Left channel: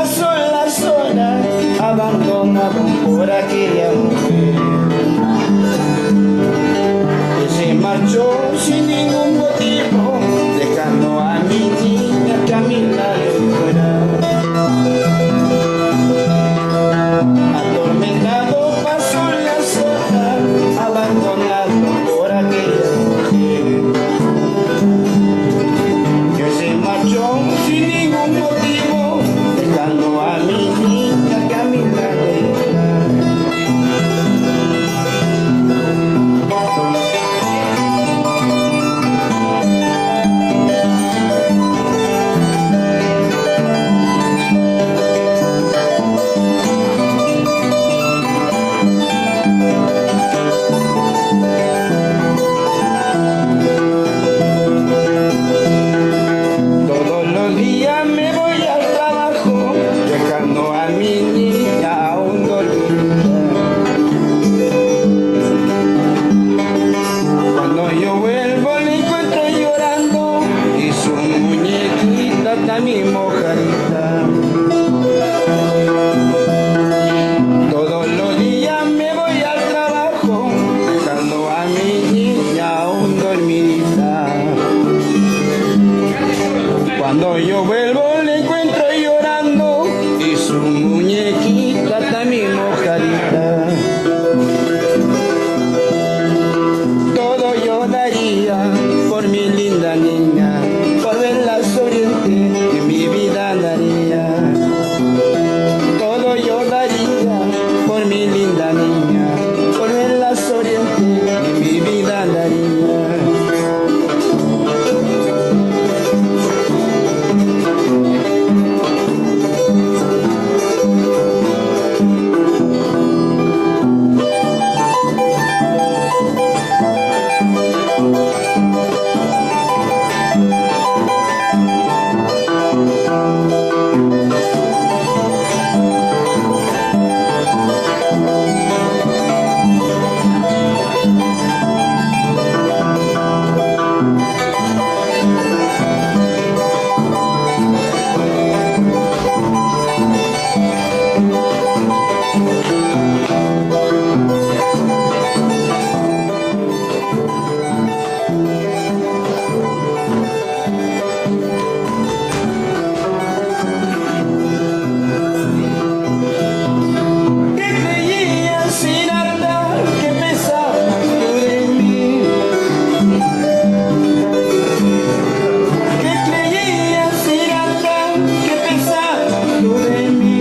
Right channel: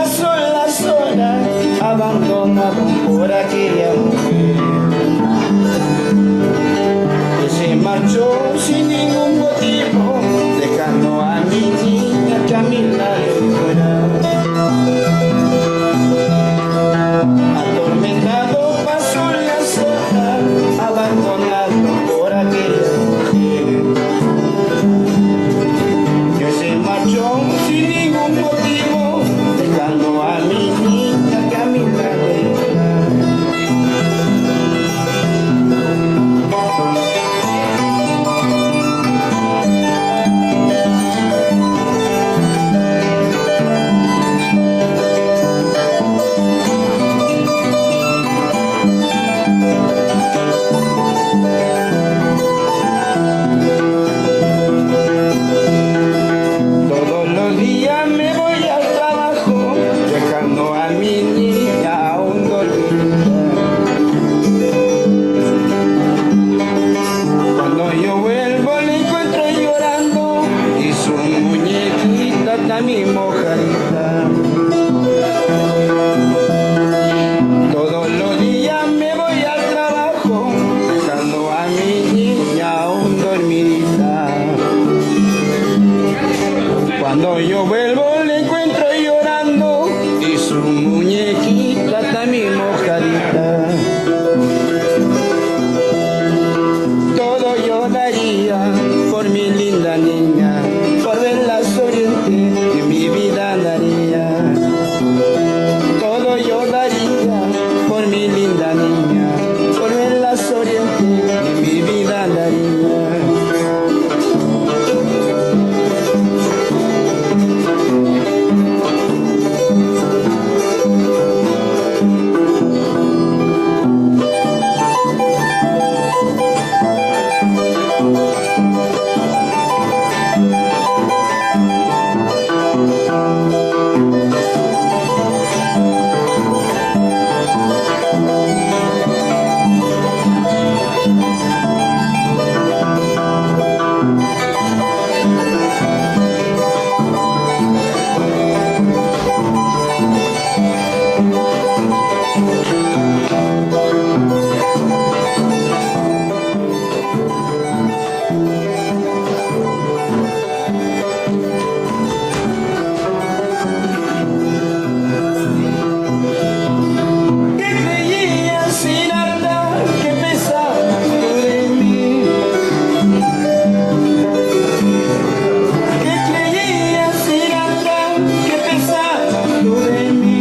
pasó las horas, abandonado por aquella mujer que se marchó sin ningún motivo, dejando a mi niña que a mi lado fuera. Atormentado pasó las horas, abandonado por aquella mujer que se marchó sin ningún motivo, dejando a mi niña que a mi lado fuera. Todos los días me voy al trabajo, dejando a mi niña aún dormida. Cuando yo vuelvo la encuentro llorando y su muñequita también mojadita. Todos los días me voy al trabajo, dejando a mi niña aún dormida. Cuando yo vuelvo la encuentro llorando y su muñequita también mojadita. Todo lloraría por mi linda niña, por verla sonriente y mi vida daría. Todo lloraría por mi linda niña, por verla sonriente y mi vida daría. Sin andar, que pesaba de mí, que creía sin andar, que pesaba de mí.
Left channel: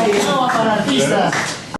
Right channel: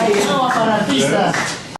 Ay, no, para artistas.